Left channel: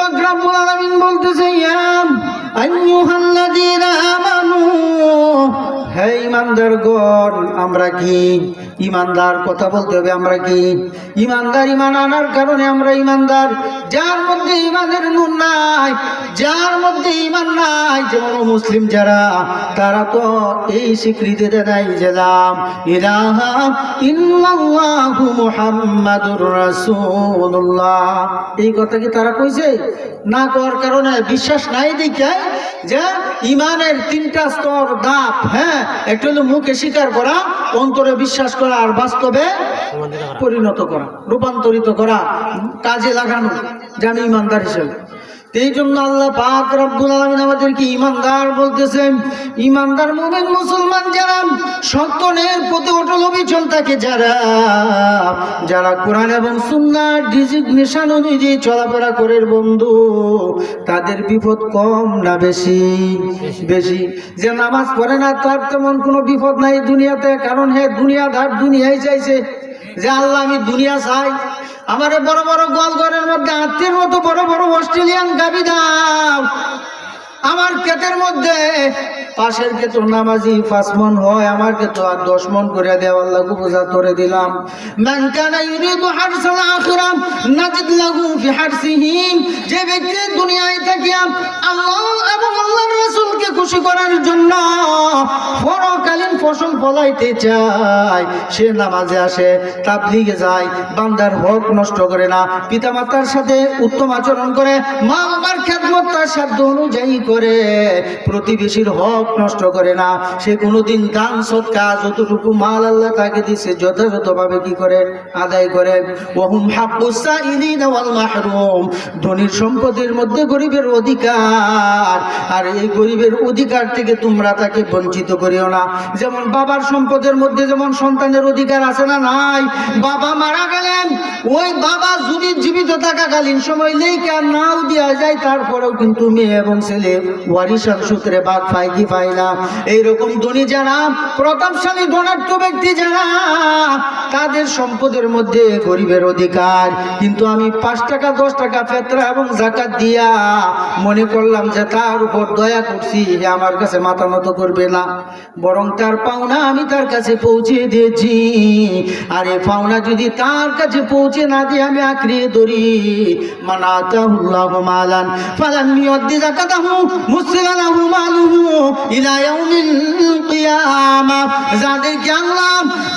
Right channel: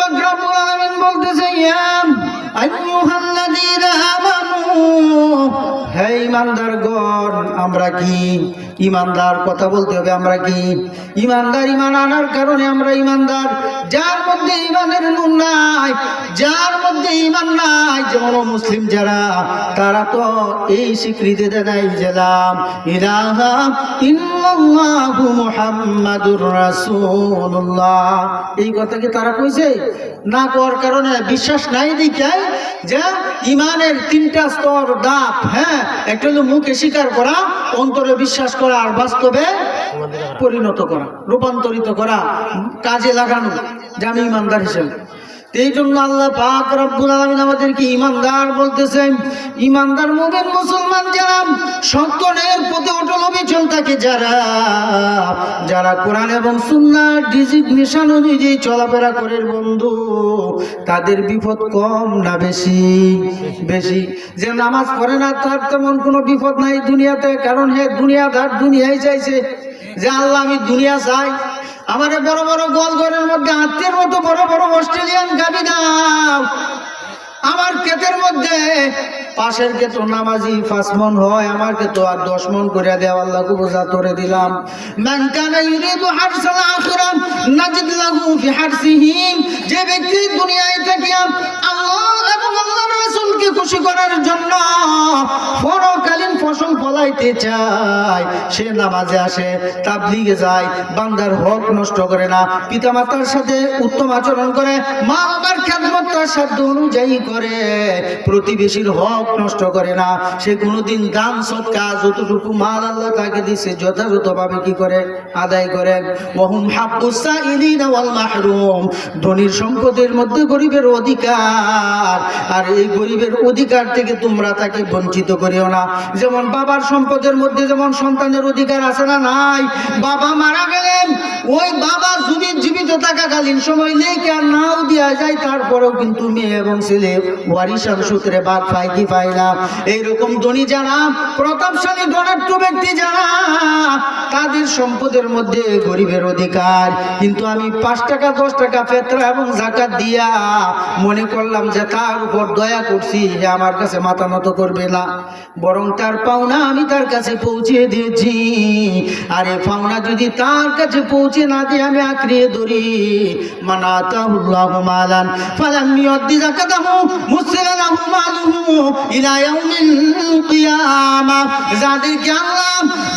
পাক রব্বুল আলামিন বলতেছে ইয়া আইয়ুহাল্লাযীনা আমানু, হে ঈমানদারগণ, আমরা কি ঈমানদার? কথা বলতে হবে আমরা কি ঈমানদার। ঈমান আনার কারণে আমরা ঈমানদার। যার মধ্যে ঈমানের নূর নাই, যার মধ্যে ঈমান নাই, যেমন মুসলিম যারা, তারা তো এই স্বীকৃতিতে দেয় যে লা ইলাহা ইল্লাল্লাহু মুহাম্মাদুর রাসূলুল্লাহ। এই কথা কি তারা কইছে? না করার কারণে, বিশ্বাস নাই দেখে যে ঈমানের তিনটা স্তর, ধাপ। হ্যাঁ, একটা হলো মুখে স্বীকার করা, অন্তরে বিশ্বাস করা, আর বাস্তবে পরিণত করা, রূপান্তরিত করা, কাজে লাগানো, যে আমি ঈমানদার হিসেবে। এই জন্য আল্লাহ পাক রব্বুল আলামিন আমাদেরকে ঈমানদার বলতেছেন। ঈমানদার মুমিন মুসলমান যারা, সত্যের প্রতি অটল অবিচল থাকে যারা, যারা কোরআন এবং সুন্নাহর ডিজিগনেশন অনুযায়ী চলাফেরা করে বন্ধু, তাদের বিপদ কম না বেশি? বেশি। যে নামাজ পড়ে না তার তেমন কোনো বিপদ নাই দুনিয়াতে, কারণ হে দুনিয়াদার, দুনিয়াই চাইছে যে আল্লাহ আমি দুনিয়া চাই, আমারে বড় বড় গোয়ালঘরের মধ্যে আত্মীর মতো বড় বড় অস্ট্রেলিয়ান গাবি দাও, আমার ক্ষেতের মধ্যে পাশের ক্ষেত নামাজি 5 মণ হয়, আমার ক্ষেত আর 10 মণ করে দেও, আল্লাহকে বোঝা করে দিলাম। মান কানা ইউরিদু হারসাল আখিরাহ নাজিদ লাহু ফি হারসিহি, যে ব্যক্তি দুনিয়ায় থাকে আল্লাহ এবং আল্লাহর রাসূলকে খুশি করার জন্য পরকালীন ফসল ফলাইতে চায়, সে নামাজে আসে, তাবলীগে যায়, বান্দার হক নষ্ট করে না, পিতামাতার সাথে উত্তম আচরণ করে, মা বাবার খেদমত তার সাধ্য অনুযায়ী করে, প্রতিবেশীর হক নষ্ট করে না, সে কোনোদিন দান সদকা যতটুকু মাল আল্লাহ তাকে দিয়েছে যথাযথভাবে কি করে? আদায় করে। ওয়াহুম হাক্কুস সাইলিনা ওয়াল মাহরুম, ধনীর সম্পদের মধ্যে গরিবের অধিকার, আর এই গরিবের অধিকার থেকে তোমরা তাকে বঞ্চিত করিও না। যেমন বাবার সম্পদের মধ্যে যেমন সন্তানের অধিকার আছে না নাই? বাবা মারা গেলেন, ওই বাবা যদি জীবিত থাকাকালীন সময় লেখা নাও দেওয়া যায়, তারপরেও কিন্তু মেয়ে এবং ছেলে ওয়ারিশান সূত্রে ভাগ পায় কি পায় না? এইরকম ধনী যারা, প্রতাপশালী ধনাঢ্য ব্যক্তি যারা, তাদের সম্পদের মধ্যে গরিবের অধিকার। কিন্তু আমি 5 টাকা 10 টাকা ফেতরা এবং যাকাত দিয়া মনে করলাম যে তার উপর দয়া করছি, হে আমার কাছে মাথা নত করবে না, বরং তার পাওনা আমি তার কাছে পৌঁছে দিয়েছি। আরে পাওনা যদি তার কাছে পৌঁছে না দিয়ে আমি আঁকড়িয়ে ধরি, মান আতাহুল্লাহু মালান ফালাম ইউদ্দি যাকাতাহু মুসিলা লাহু মালুহু ইলা ইয়াউমিল কিয়ামা, যাদেরকে আল্লাহ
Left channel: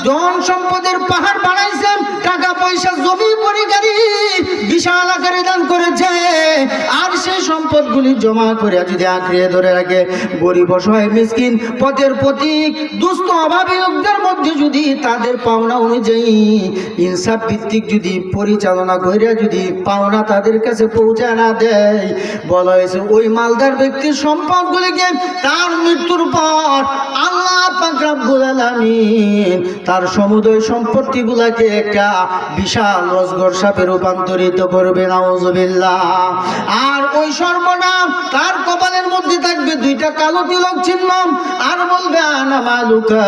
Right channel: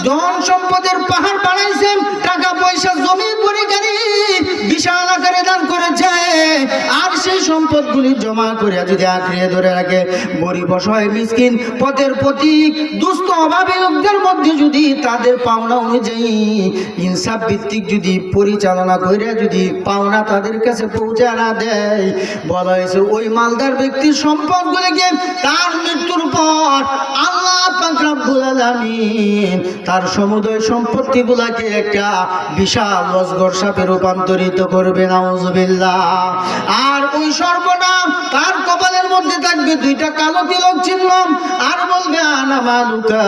ধন সম্পদের পাহাড় বানাইছেন, টাকা পয়সা জমি পরি গাড়ি বিশাল আকারে দান করেছে, আর সেই সম্পদগুলি জমা করে যদি আঁকড়িয়ে ধরে রাখে, গরিব অসহায় মিসকিন পথের প্রতীক দুস্থ অভাবী লোকদের মধ্যে যদি তাদের পাওনা অনুযায়ী ইনসাফ ভিত্তিক যদি পরিচালনা করে যদি পাওনা তাদের কাছে পৌঁছে না দেয়, বলা হয়েছে ওই মালদার ব্যক্তির সম্পদগুলিকে তার মৃত্যুর পর আল্লাহ পাক রব্বুল আলামিন তার সমুদয় সম্পত্তিগুলোকে একটা বিশাল অজগর সাপে রূপান্তরিত করবে, নাউযুবিল্লাহ। আর ওই সর্বনাম তার কপালের মধ্যে থাকবে 2টা কালো তিলক চিহ্ন, আর বলবে আনা মালুকা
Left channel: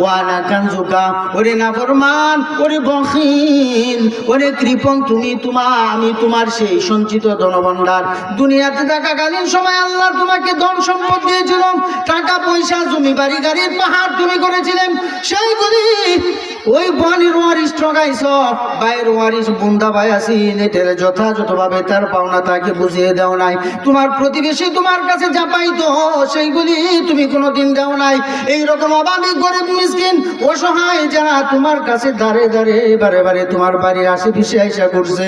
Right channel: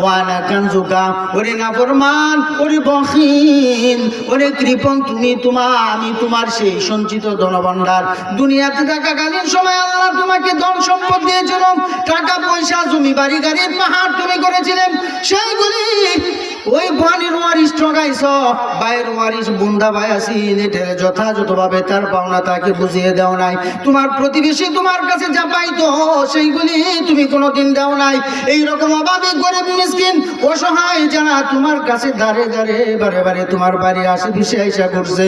ওয়া আনা কানজুকা। ওরে নাফরমান, ওরে বখিল, ওরে কৃপণ, আমি তোমার সেই সঞ্চিত ধনভাণ্ডার। দুনিয়াতে থাকাকালীন সময় আল্লাহ তোমাকে ধন সম্পদ দিয়েছিল, টাকা পয়সা জমি বাড়ি গাড়ির পাহাড় তুমি করেছিলেন, সেইগুলি ওই বাণীর ওয়ারিশ ঠগাইছ, ভাইয়ের ওয়ারিশ বুন্দা ভাই আছেন, এটা যথাযথভাবে তার পাওনা তাকে বুঝিয়ে দেও নাই। তোমার প্রতিবেশী তোমার কাছে যা পাইতো সেইগুলি তুমি কোনোদিন দাও নাই। এইরকম অভাবী গরিব মিসকিন অসহায় যারা তোমার কাছে দাঁড়ে দাঁড়ে বারে বারে তোমার বাড়ির আশেপাশে আইসা করছে,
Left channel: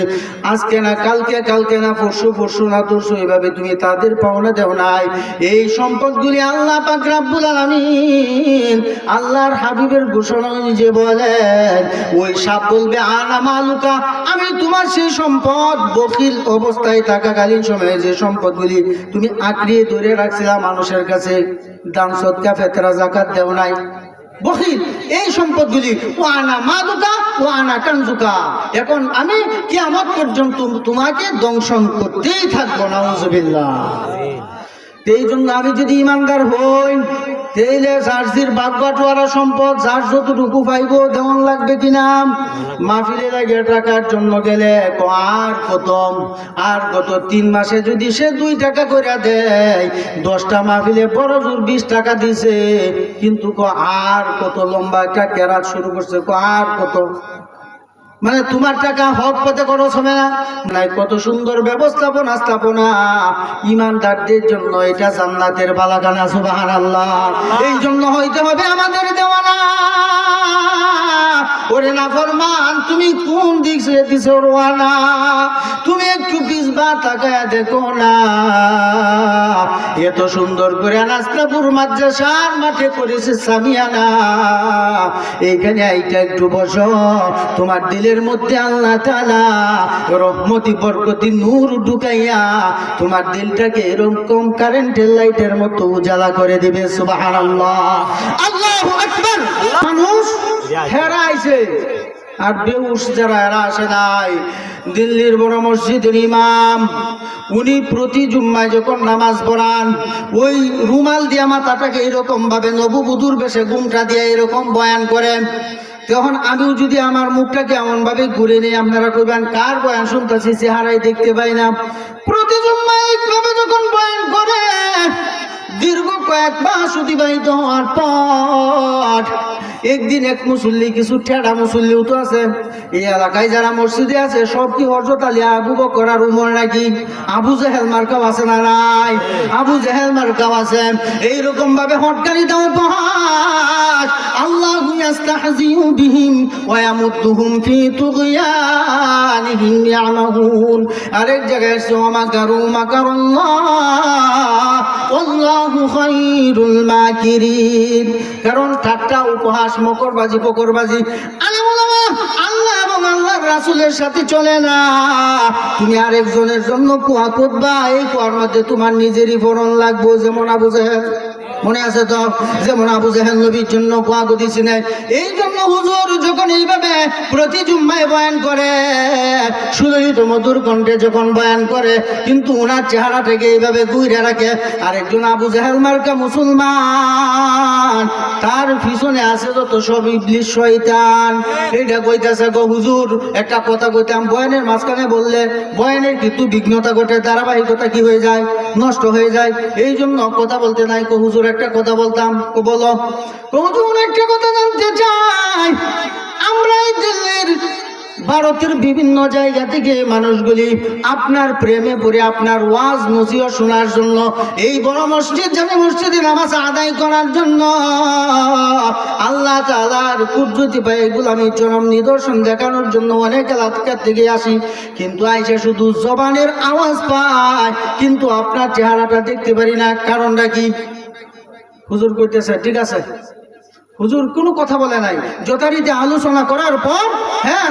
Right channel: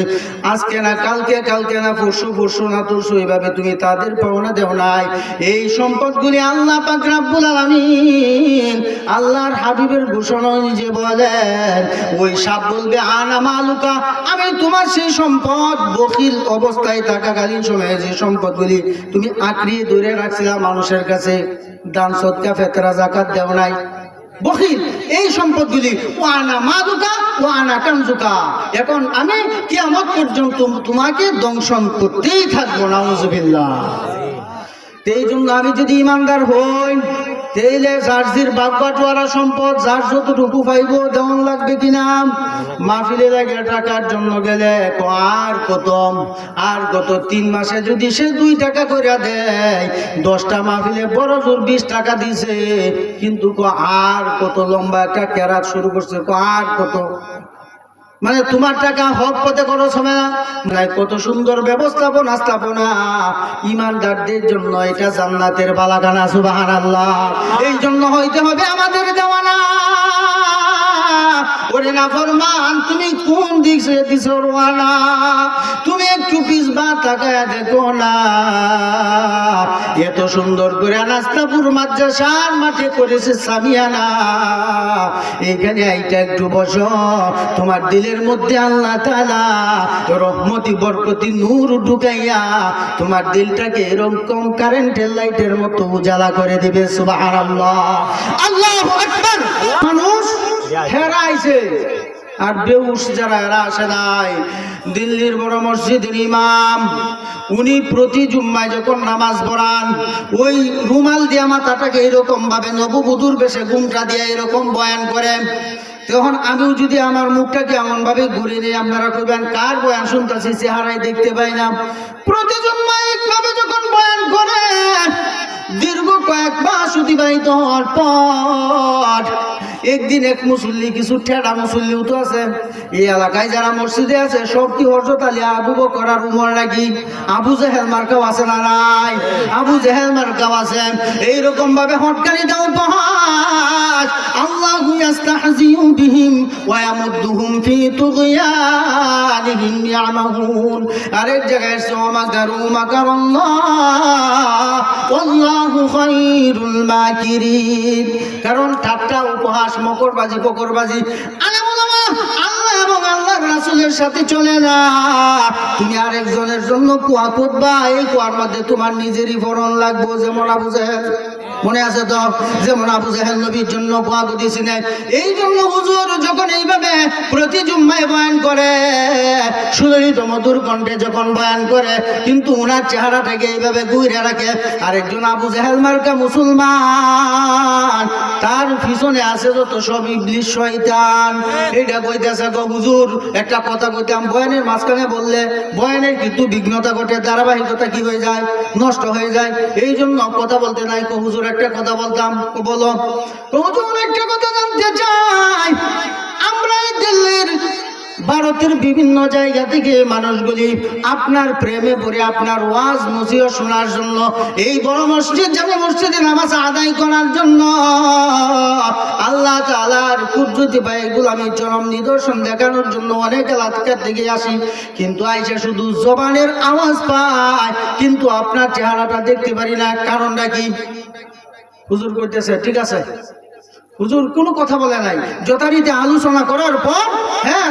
আজকে না কালকে, কালকে না পরশু, পরশু না তরশু, এইভাবে তুমি তাদের পাওনা দেও নাই। এই সম্পদগুলি আল্লাহ পাক রব্বুল আলামিন আল্লাহর হাবিবের ঘোষণা অনুযায়ী বলেন, ওই সাপ বলবে আনা মালুকা, আমি তোমার সেই সম্পদ বখিল অবস্থায় থাকাকালীন সময়ে যে সম্পদগুলি তুমি আঁকড়িয়ে ধরে রাখছিলা, মানুষের কাছে দান সদকা ফেতরা যাকাত দেও নাই, বখিল, এই সম্পদগুলি ও আনা মালুকা ও আনা কানজুকা, এখন আমি কিয়ামত পর্যন্ত তোমাকে দংশন করতেই থাকবো, নাউযুবিল্লাহ। এই জন্য আমি যদি ইমানদার হই, তেইলে জার্সির বাগবাটোয়ারা সম্পদ যার যতটুকু পাইব দেওয়ান লাগবে কিনা। মাহফিলে লাগে টাকার জন্য গেলে আর কত 3 মাসে যদি সে 2 টাকা করে দেয়, 10টা মাহফিলে বড় জোর 20 টাকা দিছে, কিন্তু আর কত লম্বা একটা কেরাত শুরু করছে, আর কত, মানে তোমার টাকা হক পথে খরচ হবে না। নাই কত সুন্দর ব্যবস্থাপনা স্থাপনা ইমানদারদের জন্য, এটা জান্নাতের বালাখানা। সুবহানাল্লাহ। এই জন্য হইতে হবে আমাদের দেওয়ানা। ওরে না ফরমান, তুমি কোন দিক দিছো রোয়ানা, তুমি একটু পিছবা তাকায়া দেখো না। এত সুন্দর করে নাস্তাপুর মাদ্রাসার মাঠে করেছে সামিয়ানা, এইখানে আইটা একটু বসো, তোমার দিলের মধ্যে আল্লাহ তাআলা রহমতি বরকতি নূর ঢুকাইয়া তোমার দিলটাকে এরকম কারেন্টের লাইটের মতো উজালা করে দিবে। সুবহানাল্লাহ, আল্লাহু আকবার। মানুষ হেরা আইছে, আর বেউস যারা এরা আসে নাই। দিল্লির বড় মসজিদের ইমাম, উনি প্রতি জুম্মায় যখন নামাজ পড়ান, ওই রুমাল দিয়া মাথাটাকে এরকম ভাবে নববধূর বেশে ঘুমটা দিয়া এরকম বয়ান করেন। তখন আমিও যদি আমার মুখটাকে এমন ভাবে ঘুরে নেই, আপনারা কইবেন কার বয়ান শুনতেছি, চেহারাই দেখতে পাই না। প্রতি জুম্মায় একভাবে যখন বয়ান করে, দীর্ঘ কয়েক মাস অতিবাহিত হওয়ার পর একদিন এক মুসল্লি, কিছু ঠেড়া মুসল্লিও তো আছে এই এলাকায়, যারা মসজিদে আছে সব কি হযরত আলী, আবু বকর আর উমর নাকি? আবু জেহেল মার্কাও আছে না নাই? আবু জেহেল মার্কাও আছে। এইরকম ভাবে হটকারিতা উপহাস, আল্লাহু ইস্তাহজিউ বিহিম ওয়া ইয়ামুদ্দুহুম ফি তুগয়ানিহিম ইয়ামাহুন। আরেক জায়গায় মাকারু মাকারাল্লাহ আল্লাহু খায়রুল মাকিরিন। কারণ ঠাট্টা উপহাস মকরবাজি ফকরবাজি আল্লাহ এবং আল্লাহর রাসূলের সাথে চলে না। তুমি আরেকজনের জন্য কুয়া করবা, এই কুয়ার মধ্যে তোমার নিজেরই ফরন লাগবে। যেমন আবু জেহেল, মনে আছে তো, যেমন আবু জেহেল নবীর জন্য কুয়া দিয়েছিলেন। এই জন্য হুজুর যখন এইভাবে প্রতি জুম্মায় বয়ান করে, সুললিত মধুর কণ্ঠে যখন বয়ান করে, কিন্তু ওনার চেহারাটাকে এইভাবে ঘুরে রাখে। আরেকজন আবু জেহেল মার্কা মুসলমান, তার পিছনে আছে যত সব ইবলিশ শয়তান। এটা কইতাছে গো হুজুর, একটা কথা কইতাম, বয়ানের মাঝখানে বললে বয়ানের কিন্তু বিঘ্নতা ঘটে, ধারাবাহিকতা কি হয়ে যায়, নষ্ট হয়ে যায়। এই জন্য কথা বলতে নাই। কো হুজুর একটা কথা বলতাম। বলো। হুজুর একটা কথা জানতে চাই, আমরা এই দিল্লির ভারতের বিভিন্ন জায়গা থেকে মানুষগুলি আপনার প্রেমে পড়ে আপনার ওয়াজ নসিহত শোনার জন্য, এই বড় মসজিদ জামে মসজিদে নামাজ আদায় করার জন্য আল্লাহ তাআলার কুদরতি পায়, এগুলো আমি চরম নিদর্শন দেখানোর জন্য অনেক এলাকা থেকে আসি, কিন্তু আইসা শুধু জবানের আওয়াজ পায়, কিন্তু আপনার চেহারাটা দেখতে পারি না। কারণটা কি? হুজুর কইতেছে ঠিক আছে, হুজুর কোনো কথা বলে নাই। যথারীতি আলোচনা করার পর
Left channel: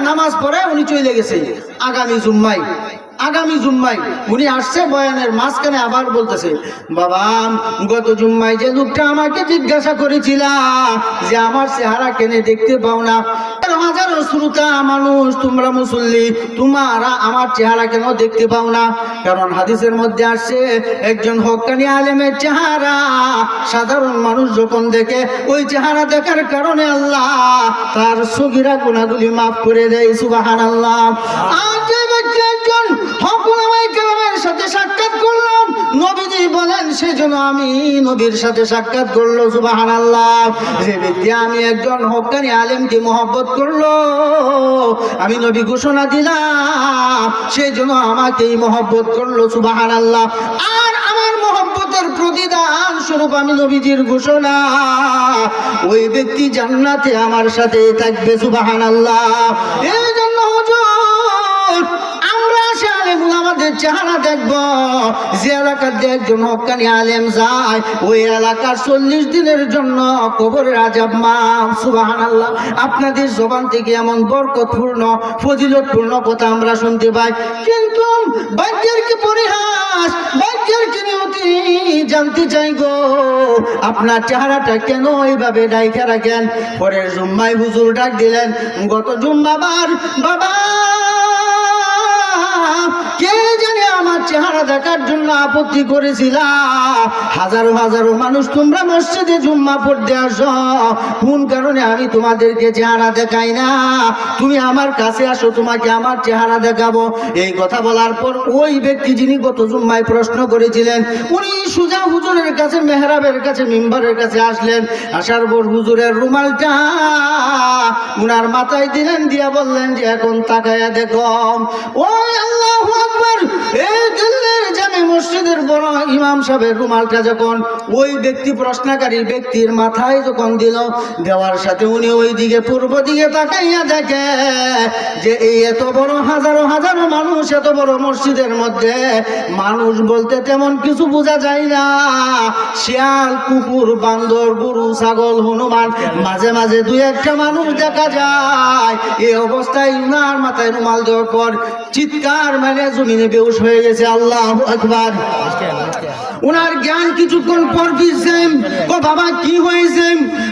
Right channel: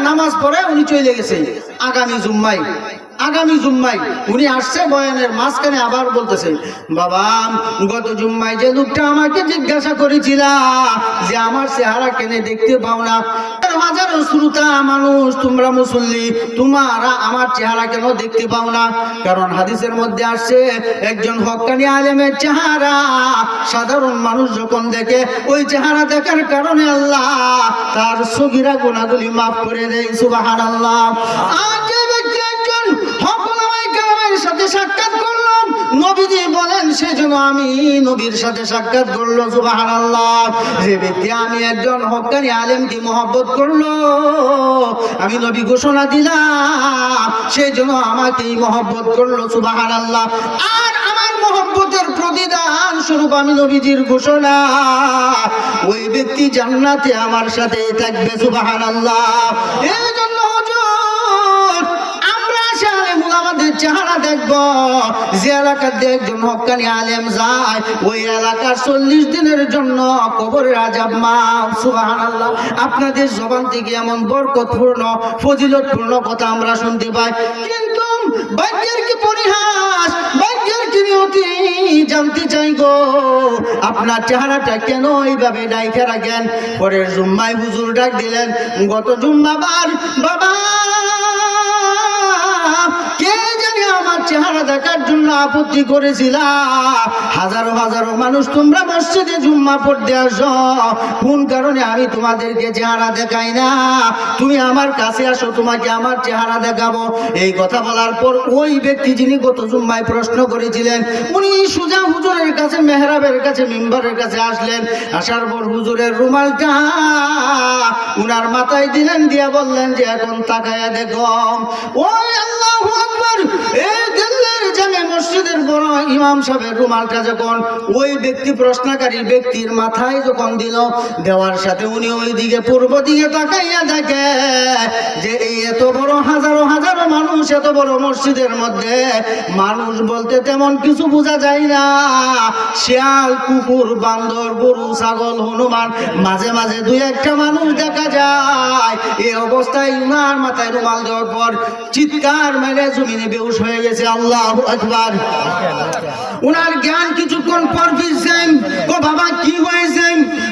নামাজ পড়ে উনি চলে গেছে। আগামী জুম্মায় উনি আসছে, বয়ানের মাঝখানে আবার বলতেছে, বাবা গত জুম্মায় যে লোকটা আমাকে জিজ্ঞাসা করেছিল যে আমার চেহারা কেনে দেখতে পাও না, হাজারো শ্রোতা মানুষ, তোমরা মুসল্লি, তোমরা আমার চেহারা কেন দেখতে পাও না? কারণ হাদিসের মধ্যে আসছে, একজন হক্কানি আলেমের চেহারা সাধারণ মানুষ যখন দেখে, ওই চেহারা দেখার কারণে আল্লাহ তার সগীরা গুনাহগুলি মাফ করে দেয়। সুবহানাল্লাহ। আজ যে ব্যক্তি একজন হক উলামায়ে কেরামের সাথে সাক্ষাৎ করলাম, নবীজি বলেন সেজন্য আমি নবীর সাথে সাক্ষাৎ করলো। সুবহানাল্লাহ। যে ব্যক্তি আমি একজন হক্কানি আলেমকে মহব্বত করলো, আমি নবী ঘোষণা দিলাম সেই জন্য আমাকেই মহব্বত করলো। সুবহানাল্লাহ। আর আমার মহব্বতের প্রতিদান স্বরূপ আমি নবীজির ঘোষণা, ওই ব্যক্তি জান্নাতে আমার সাথে থাকবে। সুবহানাল্লাহ। এই জন্য হুজুর আমরা আমাদের চেহারা দেখবো, যে এলাকাতে একজন হক্কানি আলেম যায়, ওই এলাকার 40 দিনের জন্য কবরের আযাব মাফ। সুবহানাল্লাহ। আপনাদের জবান থেকে এমন বরকতপূর্ণ ফজিলতপূর্ণ কথা আমরা শুনতে পাই, কিন্তু ভাগ্যের কি পরিহাস, ভাগ্যের কি নিয়তি জানতে চাই গো, আপনার চেহারাটা কেন এইভাবে ডাইকা রাখেন? পরের জুম্মায় হুজুর ডাক দিলেন, গত জুম্মাবার বাবা কে জানে আমার চেহারা দেখার জন্য আপত্তি করেছিলা। হাজারো হাজারো মানুষ তোমরা মসজিদে জুম্মা পড়তে আসো, কোন কারণে আমি তোমাদেরকে চেহারা দেখাই না? তুমি আমার কাছে আসো, তোমাকে আমার চেহারা দেখাবো। এই কথা বলার পর ওই ব্যক্তি যিনি গত জুম্মায় প্রশ্ন করেছিলেন, উনি সুজা হুজুরের কাছে, মেহরাবের কাছে, মিম্বরের কাছে আসলেন। আসার পর হুজুরের রুমালটা উনার মাথায় দিলেন, দিয়া বললেন যে এখন তাকায়া দেখো। ওই আল্লাহু আকবার, এই দিল্লির জামে মসজিদের বড় ইমাম সাহেবের রুমালটা যখন ওই ব্যক্তি, প্রশ্নকারী ব্যক্তির মাথায় যখন দিল, দেওয়ার সাথে উনি ওই দিকে, পূর্ব দিকে তাকাইয়া দেখে যে এই এত বড় হাজারো হাজারো মানুষ, এত বড় মসজিদের মধ্যে মানুষ বলতে তেমন কিছু বোঝা যায় না। শিয়াল, কুকুর, বান্দর, গরু, ছাগল, হনুমান, মাঝে মাঝে দুই একটা মানুষ দেখা যায়। এই অবস্থায় উনার মাথায় রুমাল দেওয়ার পর চিৎকার মানে জমিনে বেহুশ হয়ে গেছে। আল্লাহু আকবার। উনার জ্ঞান কিছুক্ষণ পর ফিরছেন। ও বাবা, কি হয়েছে?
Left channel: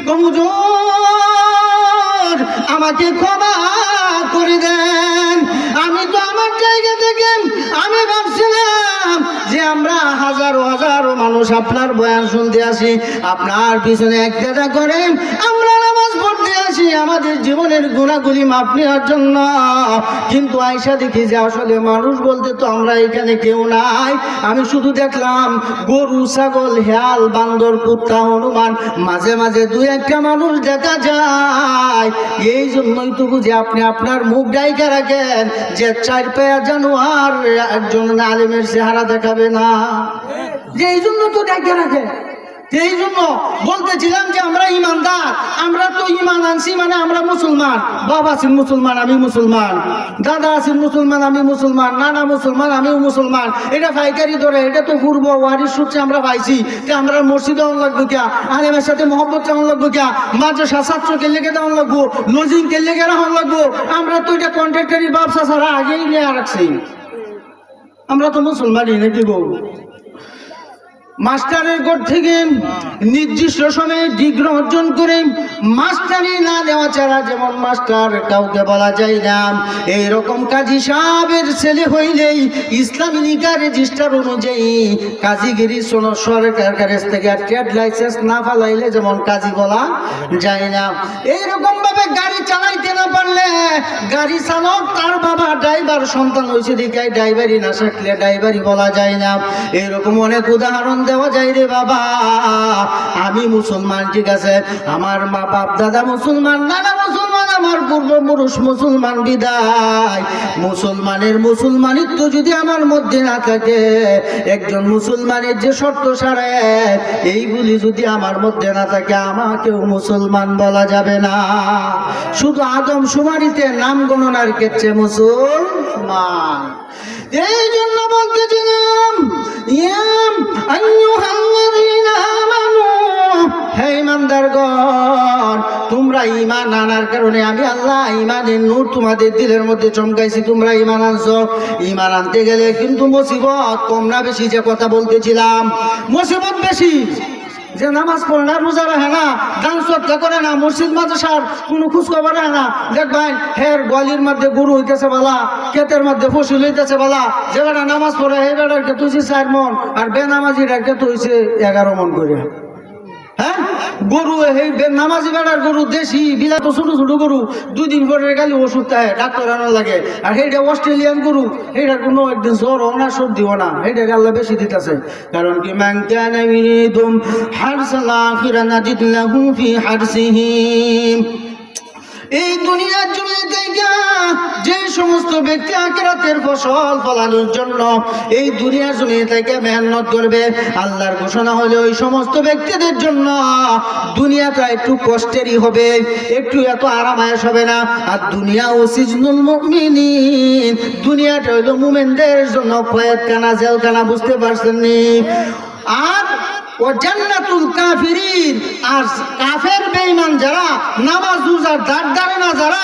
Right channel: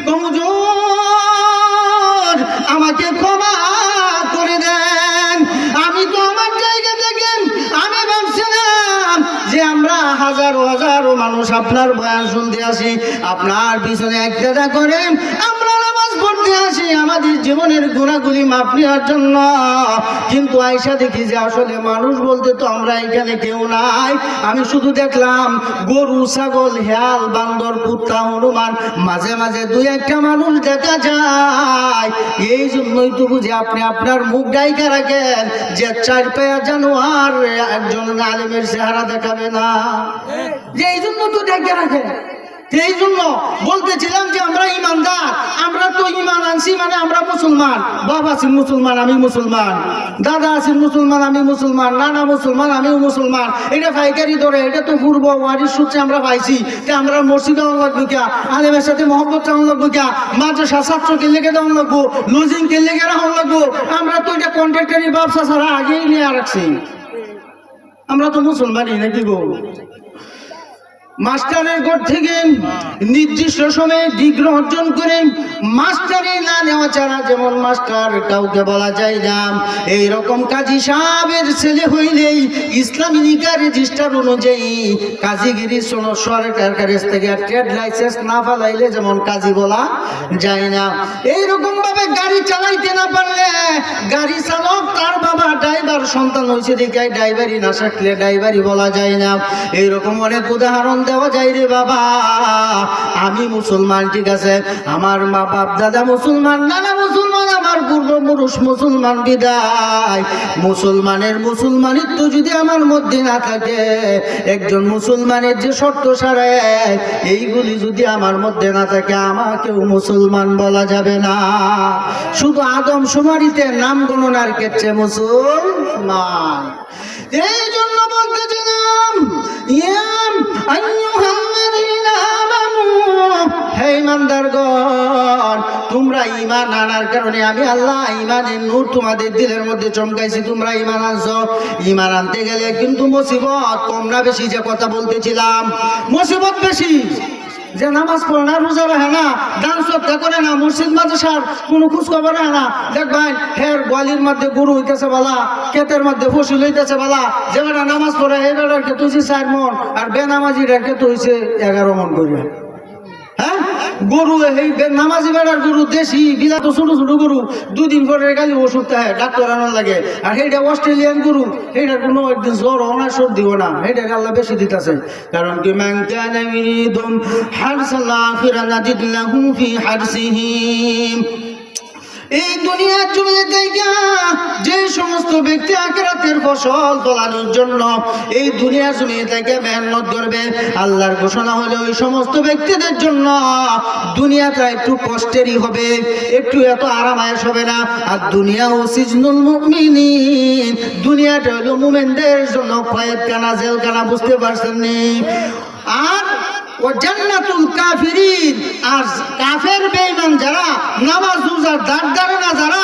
হুজুর, আমাকে ক্ষমা করে দেন। আমি তো আমার জায়গা থেকে আমি ভাবছিলাম যে আমরা হাজারো হাজারো মানুষ আপনার বয়ান শুনতে আসি, আপনার পিছনে একটা করে আমরা নামাজ পড়তে আসি আমাদের জীবনের গুনাহগুলি মাপ নেওয়ার জন্য। কিন্তু আয়সা দেখি যে আসলে মানুষ বলতে তো আমরা এখানে কেউ নাই। আমি শুধু দেখলাম গরু, ছাগল, হিয়াল, বান্দর, কুত্তা, হনুমান, মাঝে মাঝে দুই একটা মানুষ দেখা যায়। এই জন্যই তো বুঝি আপনি আপনার মুখ ডাইকা রাখেন যে চার পায়া জানোয়ার একজন আলেমের চেহারা দেখাবে না, যে এই জন্য তো ডাইকা রাখেন। এই জন্য বলতেছিলাম যে আমরা ইমানদার, আমরা তো ইমান আনছি মানে আমরা মুসলমান। বাবা আছেন মুসলমান, আমি মুসলমান। দাদা আছেন মুসলমান, আমি মুসলমান। নানা মুসলমান, আমিও মুসলমান। এটা পাইকারি ধরে, এটা তো পূর্ব ওয়ারিশ সূত্রে আমরা পাইছি। আমরা মসজিদে অন লাগবো কিয়া, আলেমের সাথে মহব্বত অন লাগবো কিয়া, মাদ্রাসা ছাত্রকে লেগে দেওয়ান লাগবো, লজিং কে লেগে রাখা লাগবো। আমরা তো এটা কন্ট্রাক্টারি ব্যবসা ছাড়া আগেই নিয়ে রাখছি। আমরা তো মুসলমানই নাকি গো? মাস্টারের ঘর থেকে নির্দিষ্ট সময়ে ডিগ্রি অর্জন করে মাস্টারি না নেওয়া ছাড়া, যেমন মাস্টার কাউকে বলা যায় না, এইরকম কাজী সাহেবের ছেলে হইলেই ইসলামী লিগা রেজিস্টার অনুযায়ী কাজীগিরি সরকার কাছ থেকে ট্রেড লাইসেন্স না ফালাইলে যেমন কাজী বলা যায় না। এইরকম ভাবে গাড়ি চালাইতে না পারলে গাড়ি চালক তার বাবা ড্রাইভার, সন্তান হয়েছে দেখে ড্রাইভারি না শিখলে ড্রাইভারি বলা যায় না। এইরকম অনেক উদাহরণ দেওয়া যায় রে বাবা। আমি মুসলমান, ঠিক আছে, আমার মা বাপ দাদা মুসলমান, নানা মুসলমান, আমার পূর্বপুরুষ মুসলমান, বিদায় মুসলমানের মুসলমানিত্ব যদি আমার মধ্যে না থাকে, একজন মুসলমানের যে শর্ত সারে এইগুলি যদি আমার মধ্যে না থাকে, আমাকেও মুসলমান বলা যাবে না। শুধু আদম শুমারিতে নাম গণনার ক্ষেত্রে মুসলমান। এই জন্য বলতেছিলাম, হে ইমানদারগণ, তোমরা ঈমান আনার কারণে আমি আল্লাহ ঈমানের নূর তোমাদের দিলের মধ্যে চমকাইছি। তোমরা ঈমান আনছো। ঈমান আনতে গেলে কিন্তু মুসিবত কম না বেশি, যে কথা বলতেছিলাম, মুসিবত বেশি। যে নামাজ পড়ে না, রোজা রাখে না, দান সদকা করে না, মসজিদ মাদ্রাসার কোনো খোঁজ খবর রাখে না, দেখবেন হের গোয়ালির মধ্যে গরু হইতেছে বালা, ক্ষেতের মধ্যে ফসল হইতেছে বালা। যে বেটা নামাজ পড়ে এই বেটার ক্ষেত হয়েছে 4 মন, আর বেনামাজিটার ক্ষেত হয়েছে 11 মন করে। হ্যাঁ, গরু এই নামাজি বেড়ার গরু দেশি বিলাত ছোট ছোট গরু, 2 দিন পরে গেলে ওষুধ খায়, ডাক্তার আনা লাগে। আর সেইটা অস্ট্রেলিয়ান গরু, সেইটার কোনো একদিন জ্বর না, সর্দি না, সেইটাকে আল্লাহ বেশি দিতেছে। কারণ কি, মান কানা ইউরিদু হারসাল আখিরা নাজিদ লাহু ফি হারসিহি। এই দুনিয়ার জন্য যে সমস্ত ব্যক্তি আখিরাতের ফসল ফলানোর জন্য এই দুনিয়ার জন্য থেকে মেহনত করবে, আল্লাহর ঘোষণা হলো ওই সমস্ত ব্যক্তিদের জন্য দুনিয়াটা একটু কষ্টেরই হবে, একটু এত আরামায়েশ হবে না। আর দুনিয়া ও সিজনুল মুমিনিন, দুনিয়াটা হলো মুমিনদের জন্য কয়েদখানা, জেলখানা। বুঝতে পারছেন নি? আর ও জান্নাতুল কাফিরিন, আর কাফের বেঈমান যারা, নামাজ রোজার দাঁড় ধারে না যারা,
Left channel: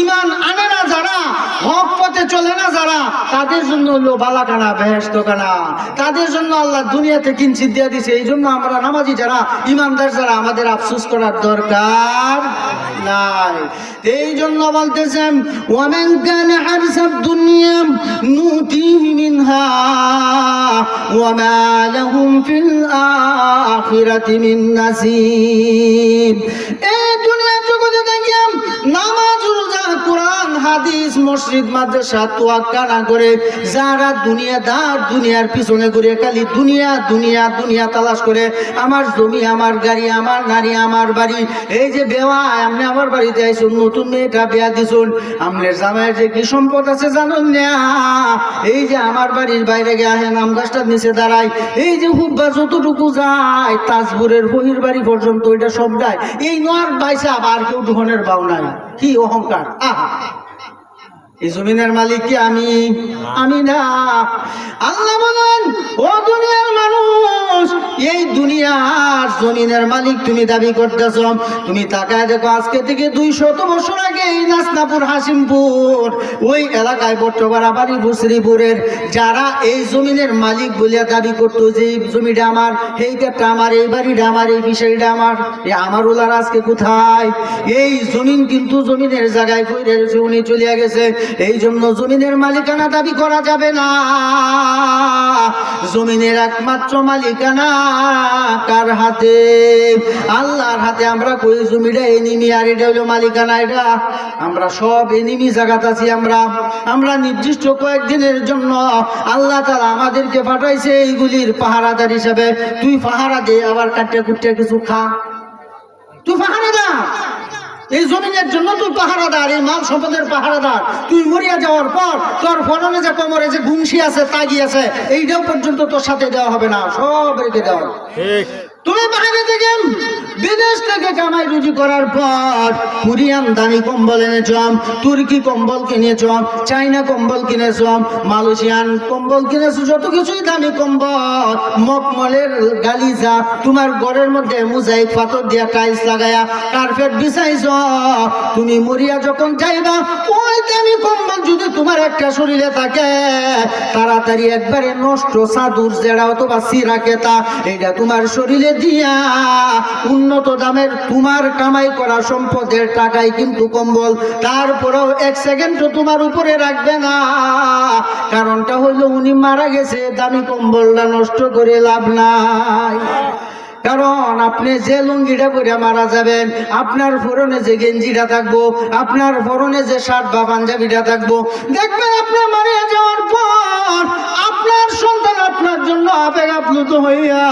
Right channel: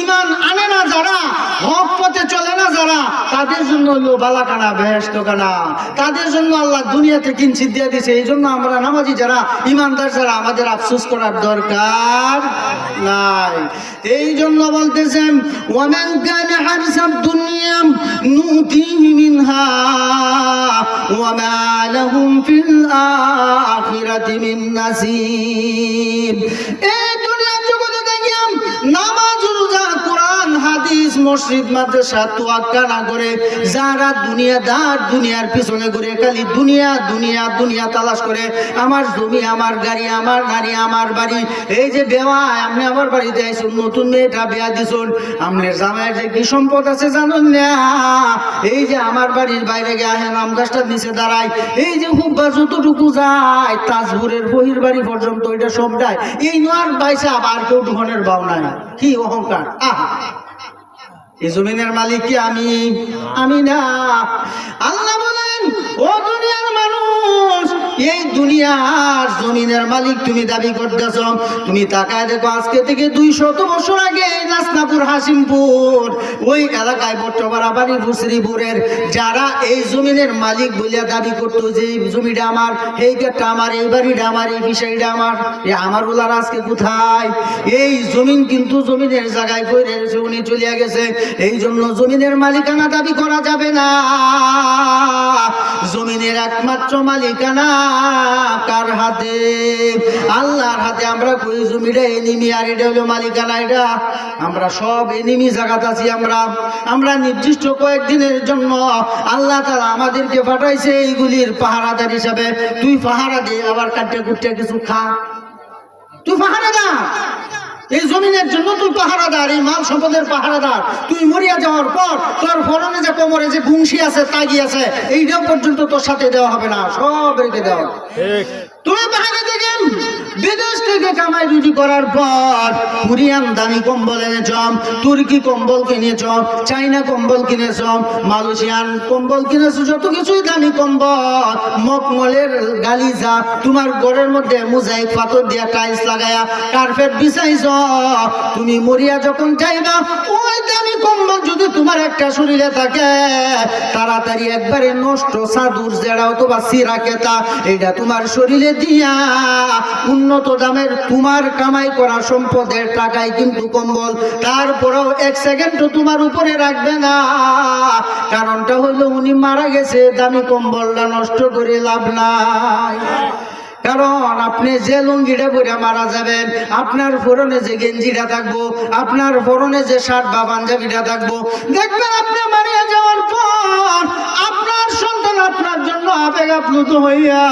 ঈমান আনে না যারা, হক পথে চলে না যারা, তাদের জন্য হলো বালাখানা, বেহেশতখানা। তাদের জন্য আল্লাহ দুনিয়াতে কিঞ্চিত দিয়ে দিয়েছে। এই জন্য আমরা নামাজি যারা, ঈমানদার যারা, আমাদের আফসোস করার দরকার নাই। এই জন্য বলতেছেন ওয়ামান কানা হারসাদ দুনিয়া নুতিহি মিনহা ওয়া মা লাহুম ফিল আখিরাতি মিন নাসিব। এই দুনিয়ার জগতে দেখিয়াম নামাজ রোজা কোরআন হাদিস মসজিদ মাদ্রাসা তোয়াক্কা না করে যারা দুনিয়াদার, দুনিয়ার পিছনে ঘুরে খালি দুনিয়া দুনিয়া দুনিয়া তালাশ করে, আমার জমি, আমার গাড়ি, আমার নারী, আমার বাড়ি। এই যে বেওয়ায় আপনি আমার বাড়িতে আইসুন, নতুন মেয়েটা বিয়া দিছুন, আমনের জামাইয়ের যে কি সম্পদ আছে জানুন না। এই যে আমার বাড়ির বাইরে গিয়ে আম গাছটার নিচে দাঁড়ায়, এই যে হুব্বা যতটুকু যায় তাজপুরের বহির বাড়ি পর্যন্ত ওইটা সব যায়। এই নয় বাইসা আবার কেউ ধনের বাও নাই। কি অহংকার! আহা, এই জমিনের মালিক কি আমি না। আল্লাহ বলেন ও দুনিয়ার মানুষ, এই দুনিয়ার জমিনের মালিক তুমি দাবি করতেছ। তুমি তাকায় দেখো, আজকে থেকে 200 বছর আগে এই নাসনাপুর হাসিমপুর ওই এলাকায় বট্টপাড়া বাড়ি ভুসরিপুরের যারা এই জমিনের মালিক বলিয়া দাবি করতো যে এই জমিটা আমার, এই গেটটা আমার, এই বাড়িটা আমার, এই বিষয়টা আমার, আমার ওলার আজকে কোথায়? এই জমিন কিন্তু জমিনের জায়গায় পড়ে রয়েছে, উনি চলিয়া গেছে। এই জন্য জমিনের মালিকানা দাবি করা যাবে না। জমিনের একমাত্র মালিকানা কার হাতে? আল্লাহর হাতে। আমরা কই জমিটা এনিমি আর এটা হলো মালিকানা। এটা আমরা সব এনিমি জায়গাতে আছি। আমরা নির্দিষ্ট কয়েকদিনের জন্য আল্লাহ তাআলা আমাদেরকে পাঠাইছে এইগুলির পাহারাদার হিসাবে। তুই পাহারা দে, আবার কাটতে কুটতে কিছু খা। তুই পাহারা দা, এই জমিনের জন্য তুই পাহারাদার, এই মাল সম্পদের পাহারাদার। তুই মরিয়া যাওয়ার পর তোর ফরনে যে কোমরে যে গুংশি আছে, তাগি আছে, এইটাও পর্যন্ত তোর সাথে দেওয়া হবে না, সব রেখে দেওয়া। তুমি বাইরে থেকে বিদেশ থেকে কামাই রুজি করার পর কোরিয়ান দামি কম্বল এনেছ, তুর্কি কম্বল কিনেছ, চাইনা কম্বল কিনেছ, মালয়েশিয়ান কম্বল কিনেছ, যত কিছুই দামি কম্বল, মকমলের গালিজা, তোমার ঘরের মধ্যে মোজাইক পাথর দিয়া টাইলস লাগায়া কার্পেট বিছাইছ। তুমি মরিয়া যখন যাইবা, ওই দামি কম্বল যদি তোমার একটা শরীরে থাকে, তাড়াতাড়ি একবারে নষ্ট চাদর যেটা অথবা সিরা কেতা, এটা তোমার শরীরে দিয়া উন্নত দামের তোমার কামাই করা সম্পদের টাকায় কিন্তু কম্বল, তারপরেও 1 সেকেন্ডও তোমার উপরে রাখবে না। কারণটা হলো উনি মারা গেছে, দামি কম্বলটা নষ্ট করে লাভ নাই। কারণ আপনি যে লুঙ্গিটা পরে মারা যাবেন, আপনার পরনে যে গেঞ্জিটা থাকবো, আপনার পরনে যে শার্ট বা পাঞ্জাবিটা থাকবো, দেখবেন আপনি মারা যাওয়ার পর আপনার সন্তান আপনার জন্য আবেগ আপ্লুত হইয়া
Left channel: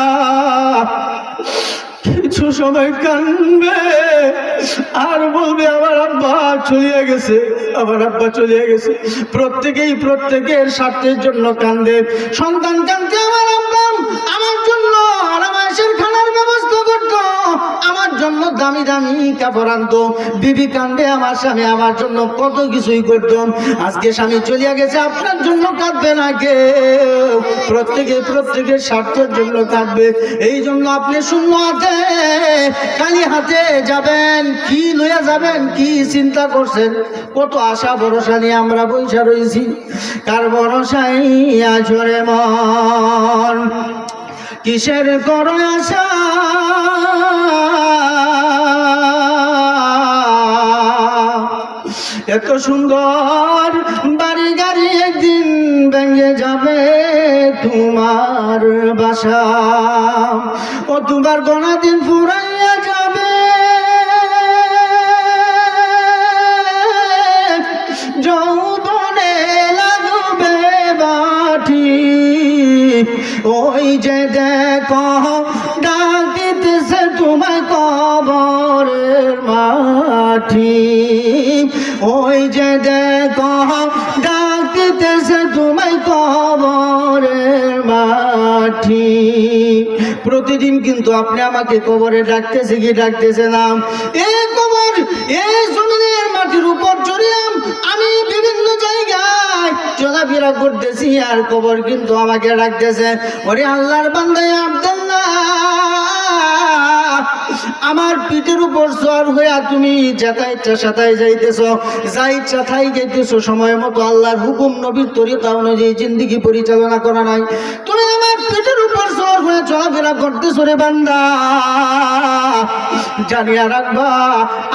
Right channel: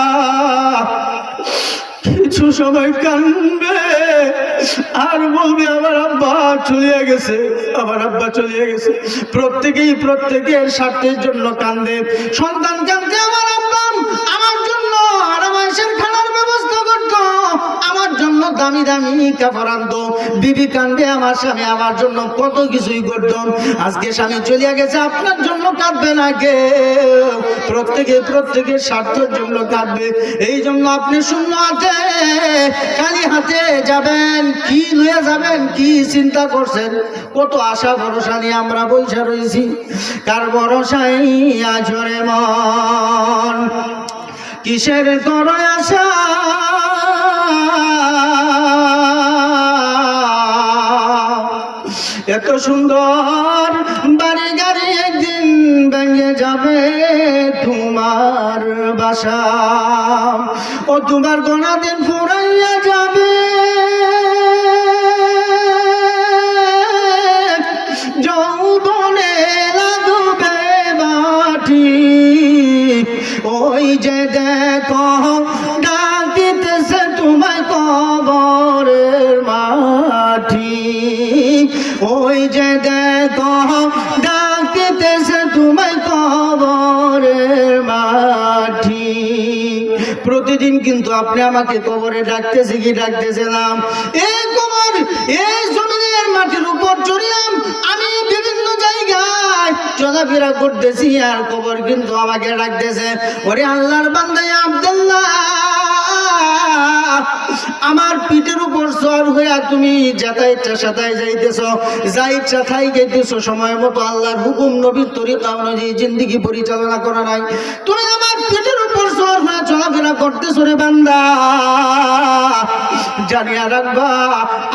কিছু সময় কানবে আর বলবে আমার আব্বা চলিয়া গেছে, আমার আব্বা চলিয়া গেছে। প্রত্যেকের স্বার্থের জন্য কান্দে। সন্তান কান্দে আমার আব্বা আমার জন্য আরামায়েশের খানার ব্যবস্থা করতো, আমার জন্য দামি দামি কাপড় আনতো। বিবি কান্দে আমার স্বামী আমার জন্য কত কিছুই করতো। আজকে স্বামী চলিয়া গেছে, আপনার জন্য কাঁদবে না কেউ, প্রত্যেকের স্বার্থের জন্য কাঁদবে। এই জন্য আপনি শূন্য হাতে খালি হাতে যাবেন, কি লইয়া যাবেন, কি চিন্তা করছেন? কত আশা ভরসা নিয়ে আমরা বৈশা রয়েছি, কার ভরসায় আজরে মন, কিসের করো আশা? এত সুন্দর বাড়ি গাড়ি একদিন ভেঙে যাবে তোমার বাসা, ও তোমার গোনা দিন ফুরাইয়া যাবে। যৌবনে লাগবে বাটি, ওই যে দেখো ডাকিতেছে তোমায় কবরের মাটি, ওই যে দেখো ডাকিতেছে তোমায় কবরের মাটি। প্রতিদিন কিন্তু আপনি আমাকে কবরে ডাকতেছে কি ডাকতেছে না? এই কবর, এই জমিনের মাটির উপর চড়িলাম আমি, বিভিন্ন জায়গায় চলাফেরা করতেছি, আর কবর কিন্তু আমাকে ডাকতেছে, ওরে আল্লাহর বান্দা আব্দুল্লাহ, আমার পিঠের উপর সওয়ার হইয়া তুমি যাতা ইচ্ছা সাতায় যাইতেছো, যা ইচ্ছা তাই যাইতেছো, সময় মতো আল্লাহর হুকুম নবীর তরিকা অনুযায়ী জিন্দেগি পরিচালনা করা নাই। তুমি আমার পিঠের উপর সওয়ার হয়ে চলাফেরা করতেছো রে বান্দা, জানিয়া রাখবা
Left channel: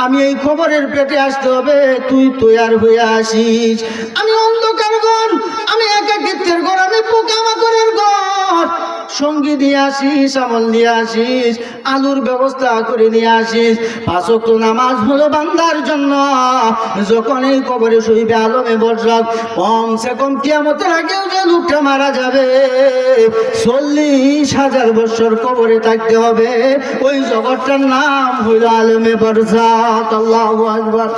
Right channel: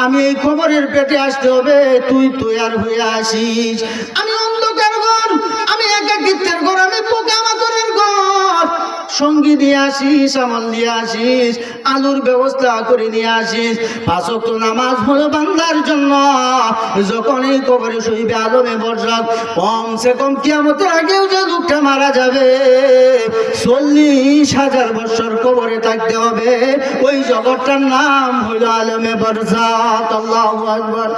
আমি এই কবরের পেটে আসতে হবে, তুই তৈয়ার হয়ে আসিস। আমি অন্ধকার ঘর, আমি একাকিত্বের ঘর, আমি পোকামাকড়ের ঘর, সঙ্গী দিয়ে আসিস, আমল দিয়ে আসিস, আলুর ব্যবস্থা করে নিয়ে আসিস। 5 ওয়াক্ত নামাজ হলো বান্দার জন্য। যখন এই কবরে শুইবে আলমে বর্ষক, কমসে কম কিয়ামতের আগেও যে লোকটা মারা যাবে 40,000 বছর কবরে থাকতে হবে। ওই জগৎটার নাম হইল আলমে বর্ষক। আল্লাহু আকবার।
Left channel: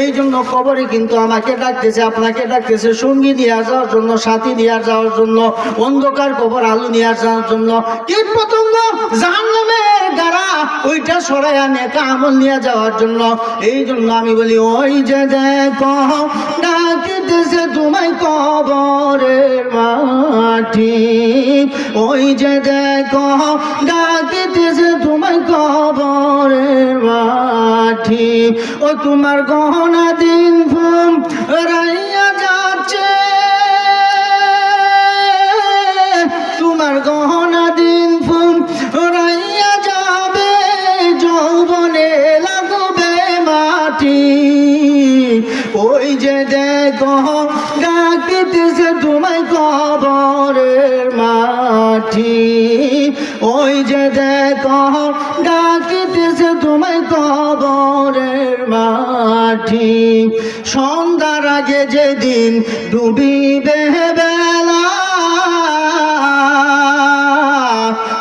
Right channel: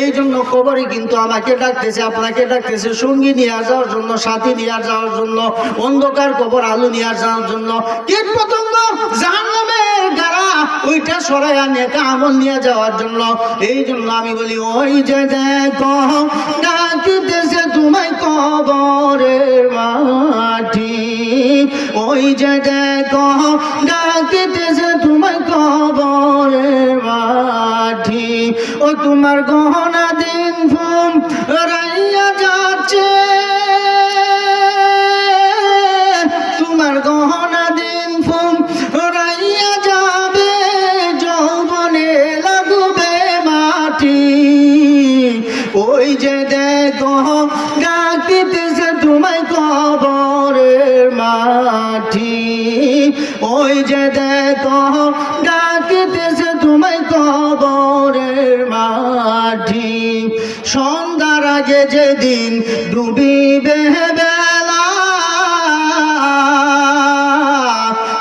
এই জন্য কবরে কিন্তু আমাকে ডাকতেছে, আপনাকে ডাকতেছে সঙ্গী নিয়ে যাওয়ার জন্য, সাথী নিয়ে যাওয়ার জন্য, অন্ধকার কবর আলো নিয়ে যাওয়ার জন্য। কীট পতঙ্গ জাহান্নামের গাড়া ওইটা সরাইয়া নেকা আমল নিয়ে যাওয়ার জন্য। এই জন্য আমি বলি ওই যে দেখো ডাকতেছে তোমায় কবরের মাটি, ওই যে দেখো ডাকতেছে তোমায় কবরের মাটি। ও তোমার গহনা দিন ঘুম রাইয়া যাচ্ছে, তোমার গহনা দিন ঘুম রাইয়া যাবে, যৌবনে লাগবে মাটি। ওই যে দেখো ডাকতেছে তোমায় কবরের মাটি, ওই যে দেখো ডাকতেছে তোমায় কবরের মাটি। সন্ধ্যার আগে যেদিন ডুবিবে বেলা,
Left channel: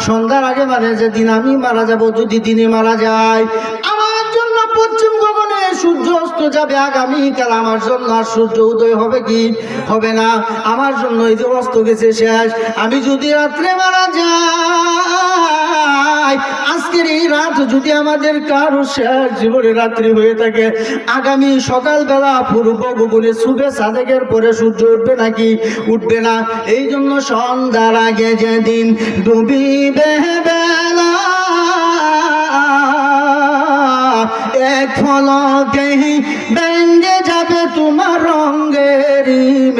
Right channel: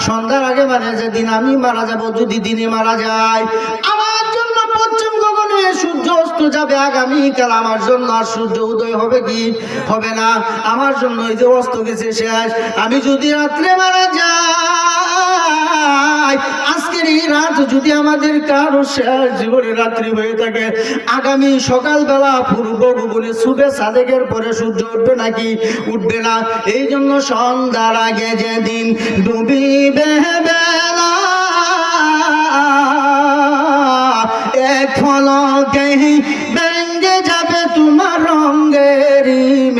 সন্ধ্যার আগে মানে যেদিন আমি মারা যাব, যদি দিনে মারা যায়, আমার জন্য পশ্চিম গগনে সূর্য অস্ত যাবে আগামীকাল, আমার জন্য সূর্য উদয় হবে কি হবে না? আমার জন্য এই যে অস্ত গেছে শেষ। আমি যদি রাত্রে মারা যাই, আজকের এই রাত যদি আমাদের কারো শেষ জীবনে রাত্রি হয়ে থাকে, আগামী সকালবেলা পূর্ব গগনে শুভে সাদেকের পরে সূর্য উঠবে নাকি উঠবে না? এই জন্য সন্ধ্যার আগে যেদিন ডুবিবে বেলা, এক ফলকে ভেঙে যাবে তোমার রঙের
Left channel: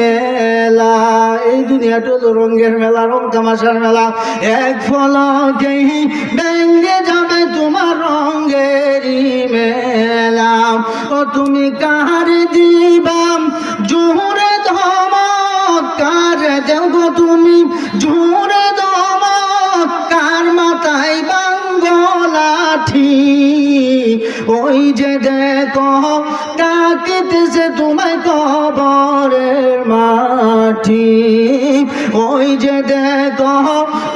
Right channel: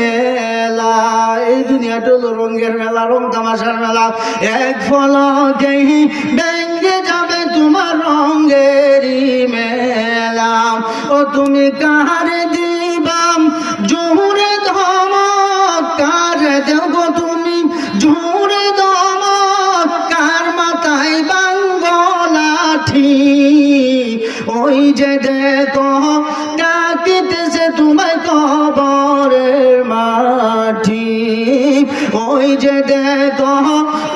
মেলা। এই দুনিয়াটা হলো রঙের মেলা, রং তামাশার মেলা। এক ফলকে ভেঙে যাবে তোমার রঙের মেলা। ও তুমি কারে দিবাম জোরে ধমক, কারে দেব তুমি জোরে ধমক, কার মাথায় বাঙ্গো লাঠি। ওই যে দেখো ডাকতেছে তোমায় কবরের মাটি, ওই যে দেখো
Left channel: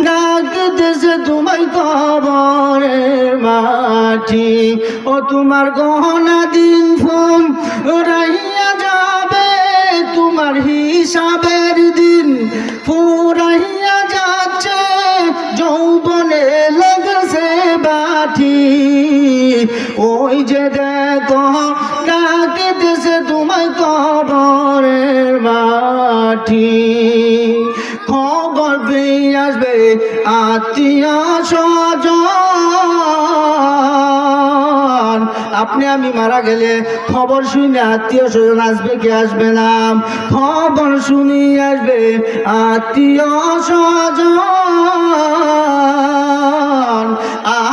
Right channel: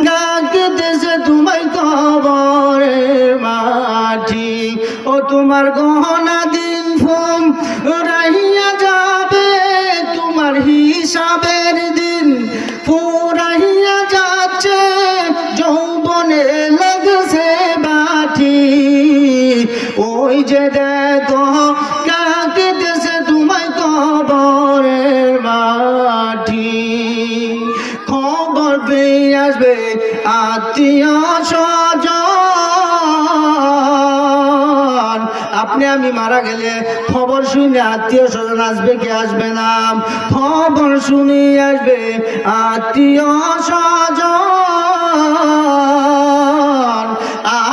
ডাকতেছে তোমায় কবরের মাটি। ও তোমার গহনা দিন ফুম রাহিয়া যাবে, তোমার হিসাবের দিন ফুরাইয়া যাচ্ছে, যৌবনে লেগেছে বাটি। ওই যে দেখো ডাকতেছে তোমায় কবরের মাটি। খবর পেয়ে আসবে আত্মীয় স্বজন, আপনি আমি মারা গেলে খবর শুনে আত্মীয় স্বজন আসবে কি আসবে না? খবর শুনি আসবে আত্মীয় স্বজন।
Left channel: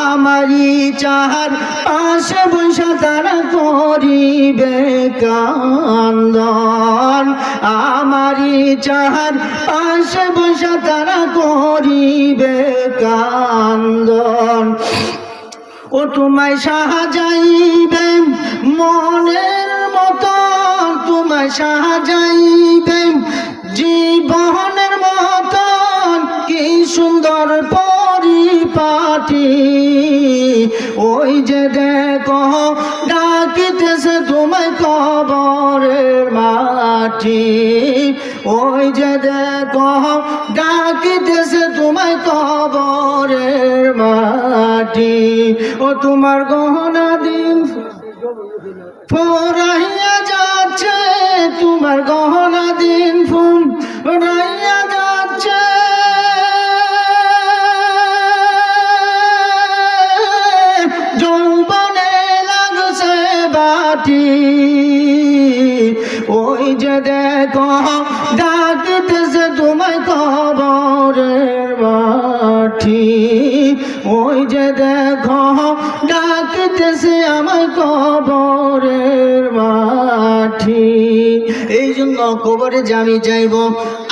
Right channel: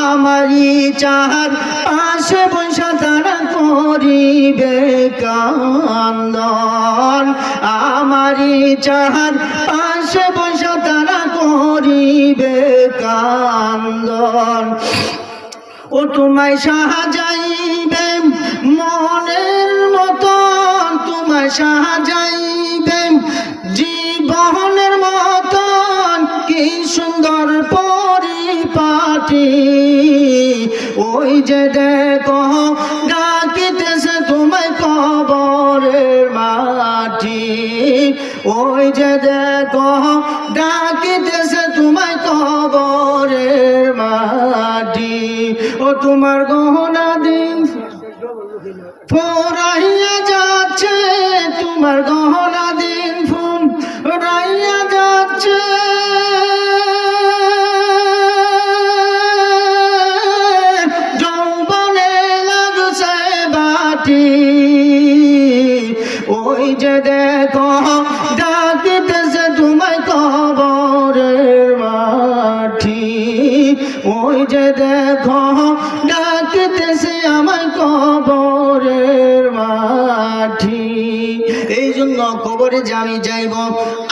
আমারই চাহার পাশে বৈশা তারা করিবে কান্দন, আমারই চাহার পাশে বৈশা তারা করিবে কান্দন। ও তোমায় সাজাইবে মনের মতন, তোমায় সাজাইবে জীবনের মতন, কি সুন্দর পরিপাটি। ওই যে দেখো ডাকিতেছে তোমায় কবরের মাটি, ওই যে দেখো ডাকিতেছে তোমায় কবরের মাটি। ও তোমার গহনা দিন ফুরাইয়া যাচ্ছে, তোমার গহনা দিন ফুরাইয়া যাচ্ছে, যৌবনে লাগছে বাটি। ওই যে দেখো ডাকিতেছে তোমায় কবরের মাটি, ওই যে দেখো ডাক কবরে যে আমি যাইব,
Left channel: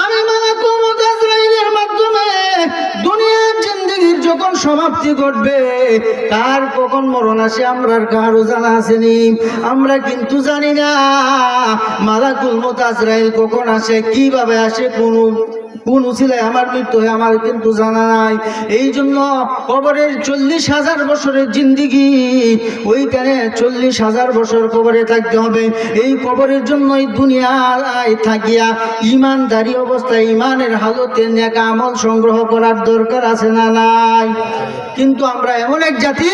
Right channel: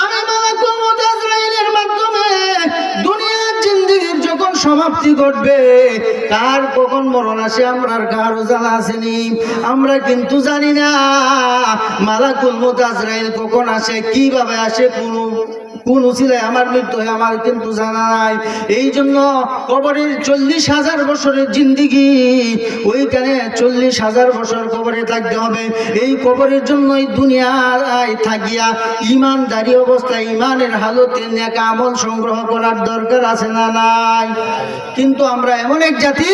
আমি মালাকুল মউত আজরাইলের মাধ্যমে দুনিয়ার জিন্দেগির যখন সমাপ্তি ঘটবে, কার কখন মরণ আসে আমরা কারো জানা আসেনি। আমরা কিন্তু জানি না মালাকুল মউত আজরাইল কখন আসে, কিভাবে আসে, কোন উসিলায় আমার মৃত্যু হয় আমার কিন্তু জানা নাই। এই জন্য কবরের 40,000 বছরের জিন্দিগি, ওইখানে 40,000 বছর কবরে থাকতে হবে। এই কবরের জন্যই দুনিয়ায় থাকিয়া ইমানদারি অবস্থায় ইমানের হালতে নেক আমল সংগ্রহ করার দরকার আছে না নাই? কিন্তু আমরা এমন এক জাতি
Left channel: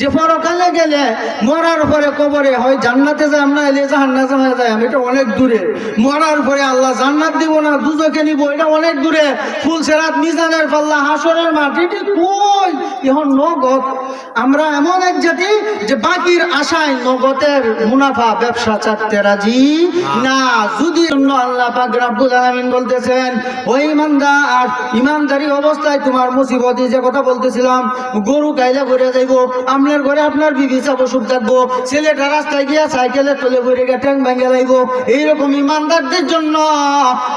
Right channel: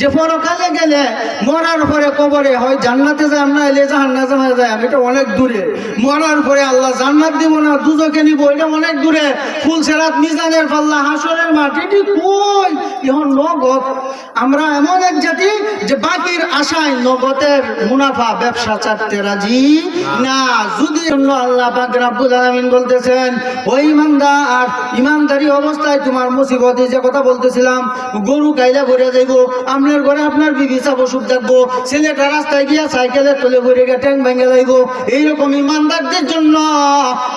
যে পরকালে গেলে মরার পরে কবরে হয় জান্নাতে যায়, আমরা এলে জাহান্নামে যায়, এটা অনেক দূরে। মরার পরে আল্লাহ জান্নাত দিব না দুজকে নিব, এটা অনেক দূরে। ফুলসেরাত, মিজানের পাল্লা, হাসরের মাঠ, এটি কই? এখন নগদ। আমরা এমন এক জাতি যে বাকির আশায় নগদের মুনাফা ব্যবসা চাটতে রাজি না। যদি আল্লাহ পাক রব্বুল আলামিন বলতেছেন, ওই ইমানদার, ইমানদারি অবস্থায় তোমার মুসিবত, যে কথা বলতেছিলাম, গরু কাইলা ঘুরে যাইব, আপনার ঘরে আপনার বিবি চাবো সুখ থাকবো, ছেলেটা রাস্তায় গিয়া সাইকেলের তলে ঘুরে গিয়ে ট্যাং ভেঙে যাইব। এইরকম ইমানদারদের জন্য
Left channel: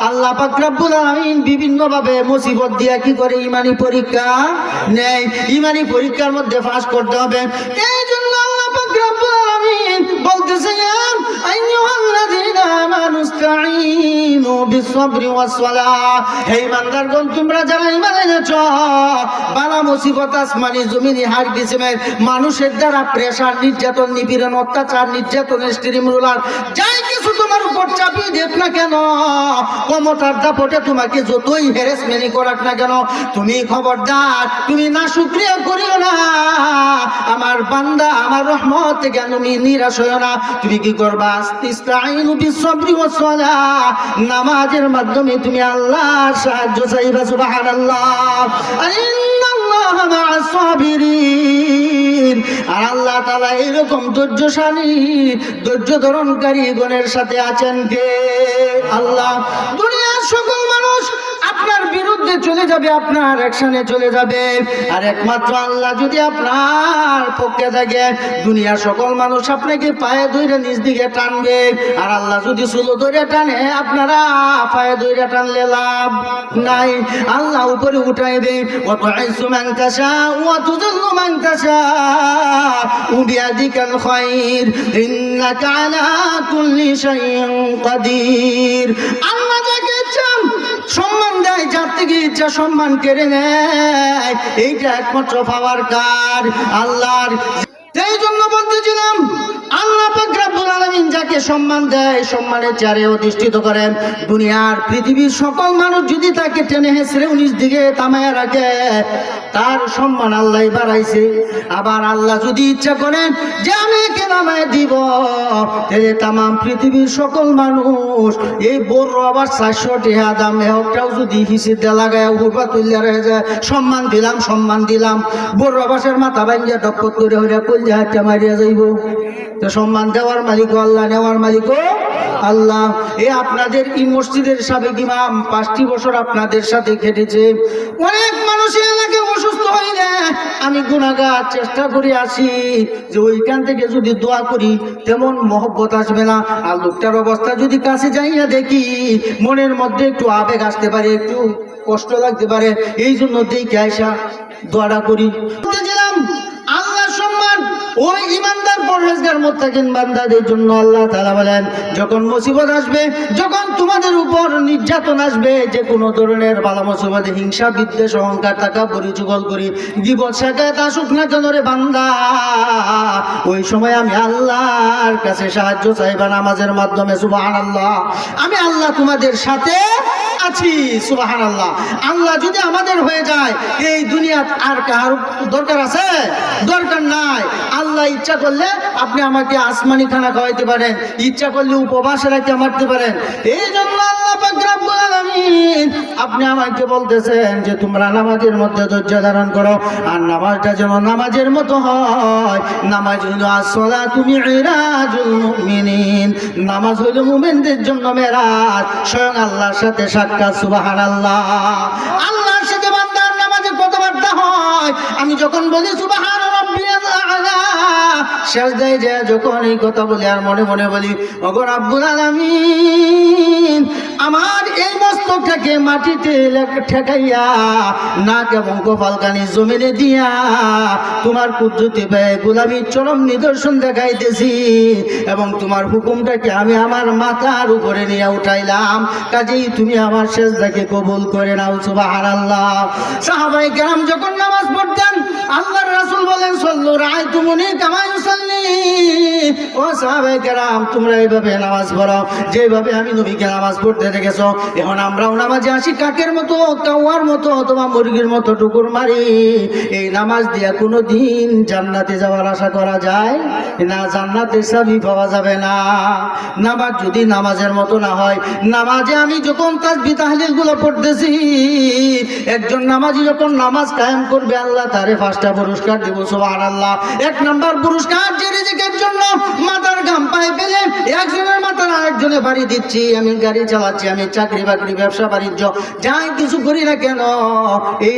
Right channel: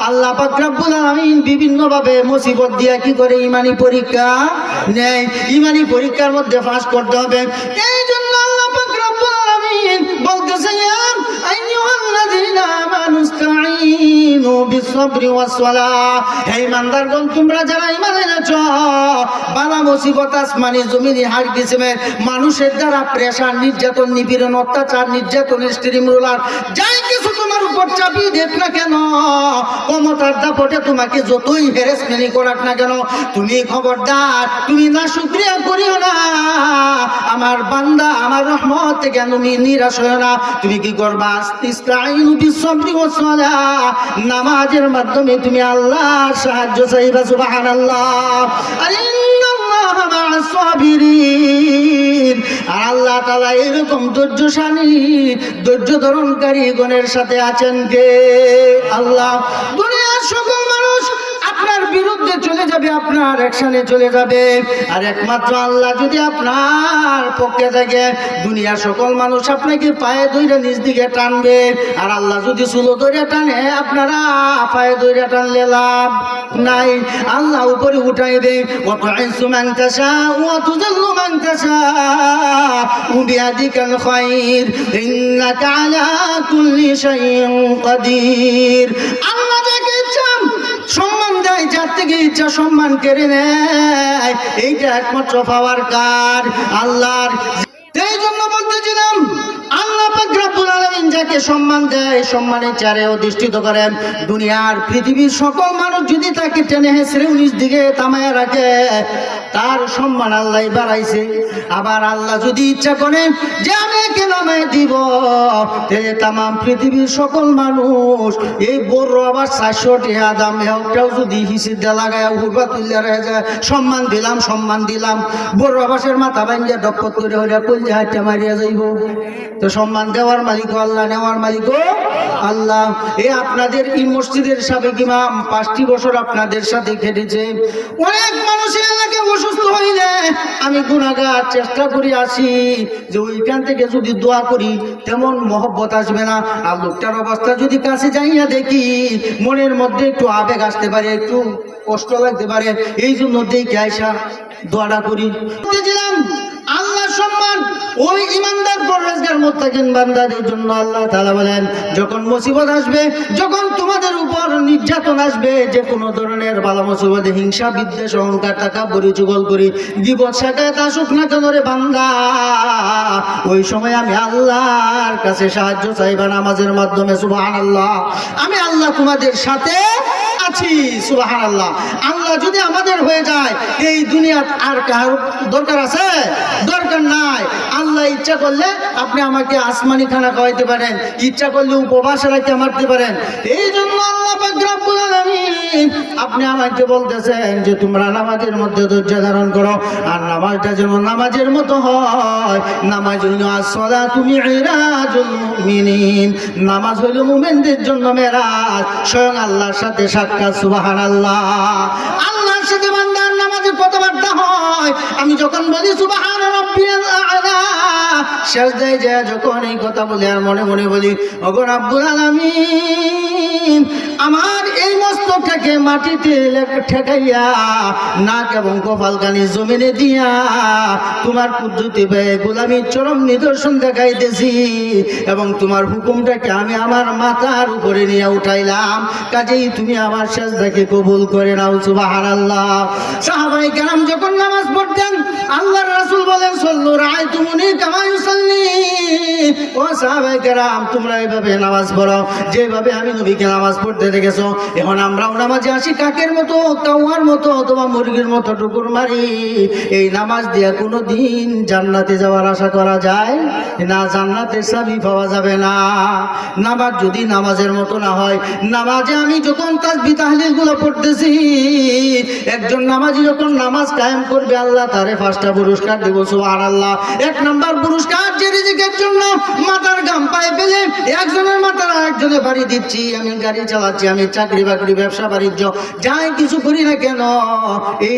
আল্লাহ পাক রব্বুল আলামিন বিভিন্ন ভাবে মুসিবত দিয়া কি করে ইমানি পরীক্ষা নেয়। ইমানি পরীক্ষার মধ্যে পাস করতে হবে। এই জন্য আল্লাহ পাক রব্বুল আলামিন বলতেছেন, আইয়ুহাল্লাযীনা আমানু ইসতাঈনু বিস-সাবরি ওয়াস-সালাহ। হে ইমানদারগণ, তোমরা যারা ঈমান এনেছো, বালা মুসিবত আসমানি জমিনি হার কিসমের মানুষের দ্বারা প্রেসার, নির্যাতন, নিপীড়ন, অত্যাচার, নির্যাতন, স্ট্রিম রোলার, যাই কিছু তোমার উপর চাপিয়ে দেখ না কেন, ক্ষমতার দাপটে তোমাকে যতই হ্যারাসমেন্ট করাক না কেন, তুমি খবরদার, তুমি না শুকরিয়া করিও না। আমার বান্দা, আমার রহমত থেকে তুমি নিরাশ হয় না। তুমি কি করবা? ইসতাঈনু বিস-সাবরি ওয়াস-সালাহ, নামাজের মাধ্যমে তুমি আল্লাহর সাহায্য চাইবা। সুবহানাল্লাহ। ইন্নাল্লাহা মা'আস-সাবিরিন। আর আল্লাহ তাআলা এরকম ধৈর্যশালী, ধৈর্য ধারণকারী গণের সাথে আছেন কে? আল্লাহ। দুনিয়ার সকল মানুষ আপনার বিরুদ্ধে চলে যাবে, আপনার অ্যাকশনে চলে যাবে, আর একমাত্র আল্লাহ যদি আপনার পক্ষে থাকে, দুনিয়ার সকল মানুষ আপনাকে পায়ে ধরে নিজ দিকে টানবে। আর আল্লাহ যদি চুলো ধরে টানে, আপনারা পায়ে ধরে টানলে লাভ নাই। আল্লাহ উপরে উঠাইবে, ওয়া তু'ইজ্জু মান তাশাউ ওয়া তুযিল্লু মান তাশাউ বিয়াদিকাল খায়র ইন্নাকা আলা কুল্লি শাইইন কাদির। আল্লাহ যাকে চান সম্মান দেয়, যার থেকে ইচ্ছা সম্মান কেড়ে নেয়, এইটা একমাত্র পাওয়ার কার আল্লাহর। এই জন্য বলতেছিলাম, আল্লাহ পাক রব্বুল আলামিন যাকে সম্মান দেয়, সম্মানের চারে অধিষ্ঠিত করেন। দুনিয়ার পৃথিবীর সকল মানুষ যদি তাকে টেনে হেঁচড়ে নিজ দিকে থামায়া রাখে, তার সম্মান আল্লাহ বাড়াইছে। আবার আল্লাহ যদি ইচ্ছা করেন যে আমি একে নামায় দিব, তাহলে তামাম পৃথিবীর সকল মানুষ, এই বড় আবার 400 টাকা দাম একটাও যদি হিসেব দিয়ে লাগায় হুরবা তুলিয়া রয়ে যায়, সম্মান দিলাম, সম্মান দিলাম, বড় আবাসের মাথা ভাঙ্গিয়া ডপত করে হইয়া কলজা হাটটা মারিয়া যাইব। তো সম্মান দেওয়ার মালিক আল্লাহ, নেওয়ার মালিক আল্লাহ। এ আপনাদের এই মসজিদের সাবেক ইমাম 5টি বছর আপনাদের সাথে খেটেছে। অনেক মানুষের এলাকায় অসুস্থ হইলে আমি গুনাহগার চেষ্টা করি আসি যে ওইখান থেকে যদি দোয়া করি তেমন মহব্বত আসবে না। আর লোকটার অবস্থা যদি কাছে যাইয়া দেখি, মনের মধ্যে একটু আবেগ আসতে পারে, একটু কষ্ট লাগতে পারে, এই জন্য দেখে আইসা দোয়াটা করি। আল্লাহ সম্মান ওই ইমানদার পরহেজগার মুত্তাকিন বান্দাদের জন্য আল্লাহ তাআলা বলেন, যখন মুসিবত আসবে, যখন তোমাদের উপর নির্যাতন আসবে, যে কোনো ধরনের বালা মুসিবত, হিংসা, বিদ্বেষ, অহংকার, তাকাব্বুরি, চুগলখড়ি, গীবত, শিকায়াত আসুক না কেন রে বান্দা, ওই সময় আমি আল্লাহর কাছে সাহায্য চাইবা নামাজের মাধ্যমে। সুবহানাল্লাহ। আমি আল্লাহ তোমাদের সাথে আছি। সুবহানাল্লাহ। আল্লাহ যদি আমাদের হয়ে যায়, এই দুনিয়াত আর কার দরকার আছে? দরকার নাই। আল্লাহ ইচ্ছা করলে আপনি আমাকে আসমানি খানা খাওয়াইতে পারেন, ইচ্ছা করলে উপবাস রাখতে মারতে পারেন। এই জন্য আল্লাহ পাক রব্বুল আলামিন আপনি আমাকে বলতেছেন যে তোমরা নামাজের মধ্যে ধৈর্য ধারণ করো, আর নামাজটা যেন নামাজের মতো হয়। নামাজ হইল আসসালাতু মিরাজুল মুমিনিন, নামাজ হইল মুমিনদের জন্য মেরাজ, স্বয়ং আল্লাহর সাথে সাক্ষাৎ। সুবহানাল্লাহ। আল্লাহর সাথে বান্দার নামাজে কথাবার্তা হয়। আমি যখন বলি সুবহান রাব্বিয়াল আ'লা, সেজদায় যায় যখন এই কথা বলি আর মনে মনে বলি, ওগো রব্বুল আলামিন, আমার এই মস্তকটাকে মাটিতে ঠেকাইয়া নাক এবং কপালকানি জমিনে দিয়া তোমার কুদরতি ব্যয় গোলামীর চরম নিদর্শন দেখাইতেছি এবং তোমার হুকুমটাকে আমি আমার মাথার উপরে নিয়ে উঠাইলাম, কাজেই তুমি আমার সেজদাকে কবুল করে নাও। সুবহানাল্লাহ। সাহাবায়ে কেরাম যখন নামাজ পড়তেন আল্লাহর রাসূল বলেন সল্লু রাআইতুমুনি কামা ইউসাল্লি। ও সাহাবায়ে কেরাম তোমরা এইভাবে নামাজ পড়ো যেভাবে আমি নবীকে নামাজ পড়তে দেখেছো। এখন আমরাও নামাজে আসি কাকের মতো, কাওয়ার মতো অথবা মুরগির মতো টুকুর মারি। এই নামাজ দিয়া কোনো দিন জান্নাতে যাওয়ার আশা করা যায় না, জান্নাতের চাবি পাওয়া যাবে না। নামাজ যদি নামাজের মতো না হয়, নামাজে আমি যখন তাসবিহ তাহলিল গুলো পড়তেছি, একজন নামাজি যখন নামাজ কায়েম করবে আল্লাহ তারে 5টা পুরস্কার দিব। সুবহানাল্লাহ। 1 নাম্বার পুরস্কার যে রিজিকের জন্য মাথার ঘাম পায়ে ফেলে একজনের মাথার আরেকজনে বাড়ি দিচ্ছি, আমি গাড়ি চালাচ্ছি, আমি চাকরি বাকরি ব্যবসা বাণিজ্য যাই কিছু করি না কেন, এই